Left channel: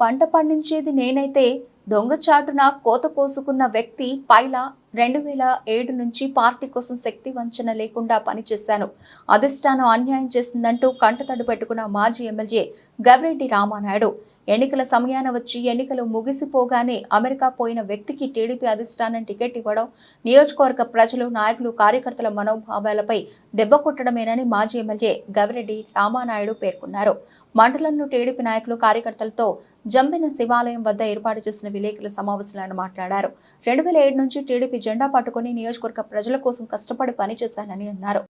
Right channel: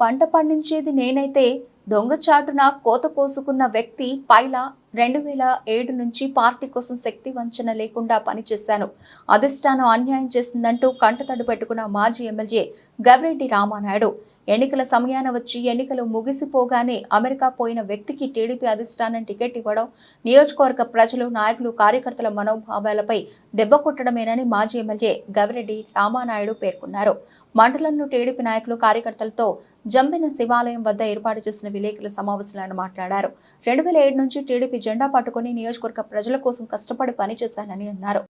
పంట పండించేది నేనైతే దొంగచాటున కోత కోసుకున్న వ్యక్తి పైలా రెండు వేల ఏడు నుంచి పార్టీ కోసం శక్తి వంచన లేకుండా పనిచేశాను. అధిష్టానం అన్యాయం చేసిందంటూ కంటతడి పెట్టుకున్న మాజీ ఎమ్మెల్యే గవిరెడ్డి రామానాయుడు. ఎన్నికల సమయాన వచ్చి ఎన్నికలు ముగిసిపోగానే అమెరికా పోయిన వ్యక్తికి టీడీపీ అధిష్టానం టికెట్ ఇవ్వడం నియోజకవర్గ ప్రజలు నాయకులు కార్యకర్తల మనోభావాలపై దెబ్బ కొట్టడమేనని మాజీ ఎమ్మెల్యే గవిరెడ్డి రామానాయుడు పేర్కొన్నారు. మండలంలో టీడీపీ నాయకులు కార్యకర్తలతో జంబిన శివాలయం వద్ద ఏర్పాటు చేసిన విలేకరుల సమావేశంలో ఆయన మాట్లాడారు. రెండు వేల ఏడు నుంచి టీడీపీ జెండా పట్టుకుని నియోజకవర్గ ప్రజల కోసం కష్టపడి పనిచేశానని అన్నారు.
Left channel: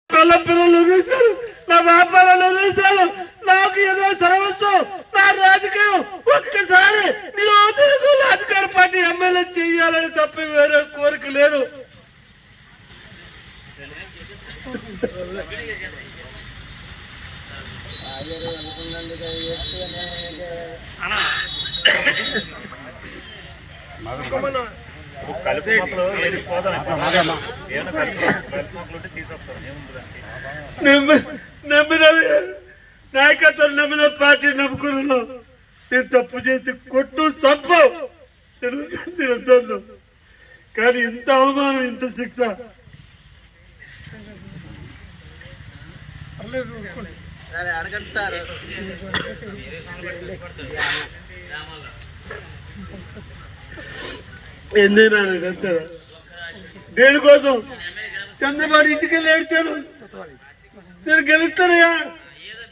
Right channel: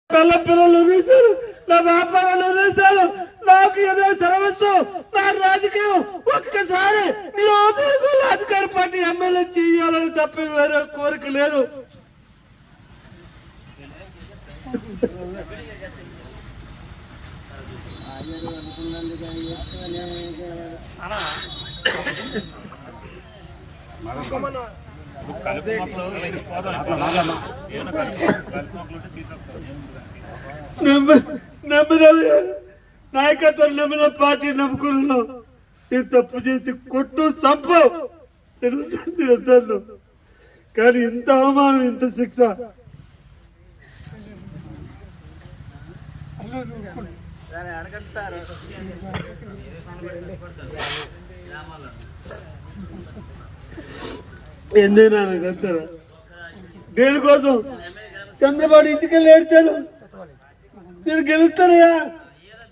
ఒక్కసారి నియోజకవర్గంలో అధికార పార్టీ ఎమ్మెల్యే చేయాలని తప్ప వేరే కోరిక లేదు. కలుపు మొక్కలు ఏమైనా కలుపు కలుపు మొక్కలు ఉంటే నాయకత్వం నమ్మిన పార్టీ నమ్ముకున్నాను. నేను తప్పు చేసి కొట్టు నేను వద్దను కానీ ఇంత అవమానం ఇంత శిక్ష. ఎందుకు వెళ్తారా దేనికోసం? చంద్రబాబు ఇంటికి వెళ్ళి ఏడ్చాను నేను గెలుస్తానయ్యా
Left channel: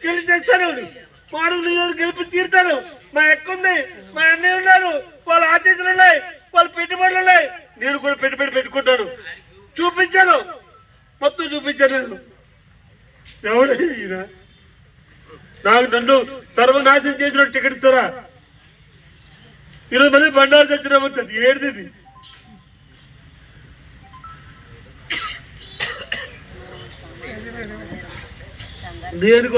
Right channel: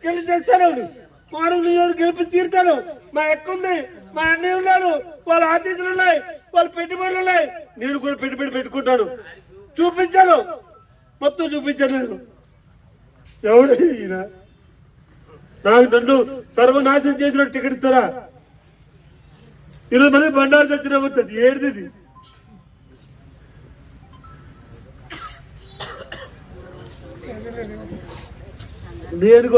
గెలిచేస్తాను మాడు నియోజక గెలిపి తీరుతాను మా ఎక్క ఉంది. మా అన్నయ్య ఉన్నారు. వాళ్ళ ఆఫీసులు ఉన్నాయి. వాళ్ళ పెట్టుబడులు ఉన్నాయి. నేను కూడా పెట్టుబడి పెట్టుకుంటాను. చూపించాను. మొత్తం చూపించాను నేను. ఎవడు నాకు నన్ను సర్వనాశనం చేసిన టికెట్ ఇస్తారా? ఈరోజు మళ్ళీ బండారు చచ్చిన ఉంటుంది ఏడిది నేను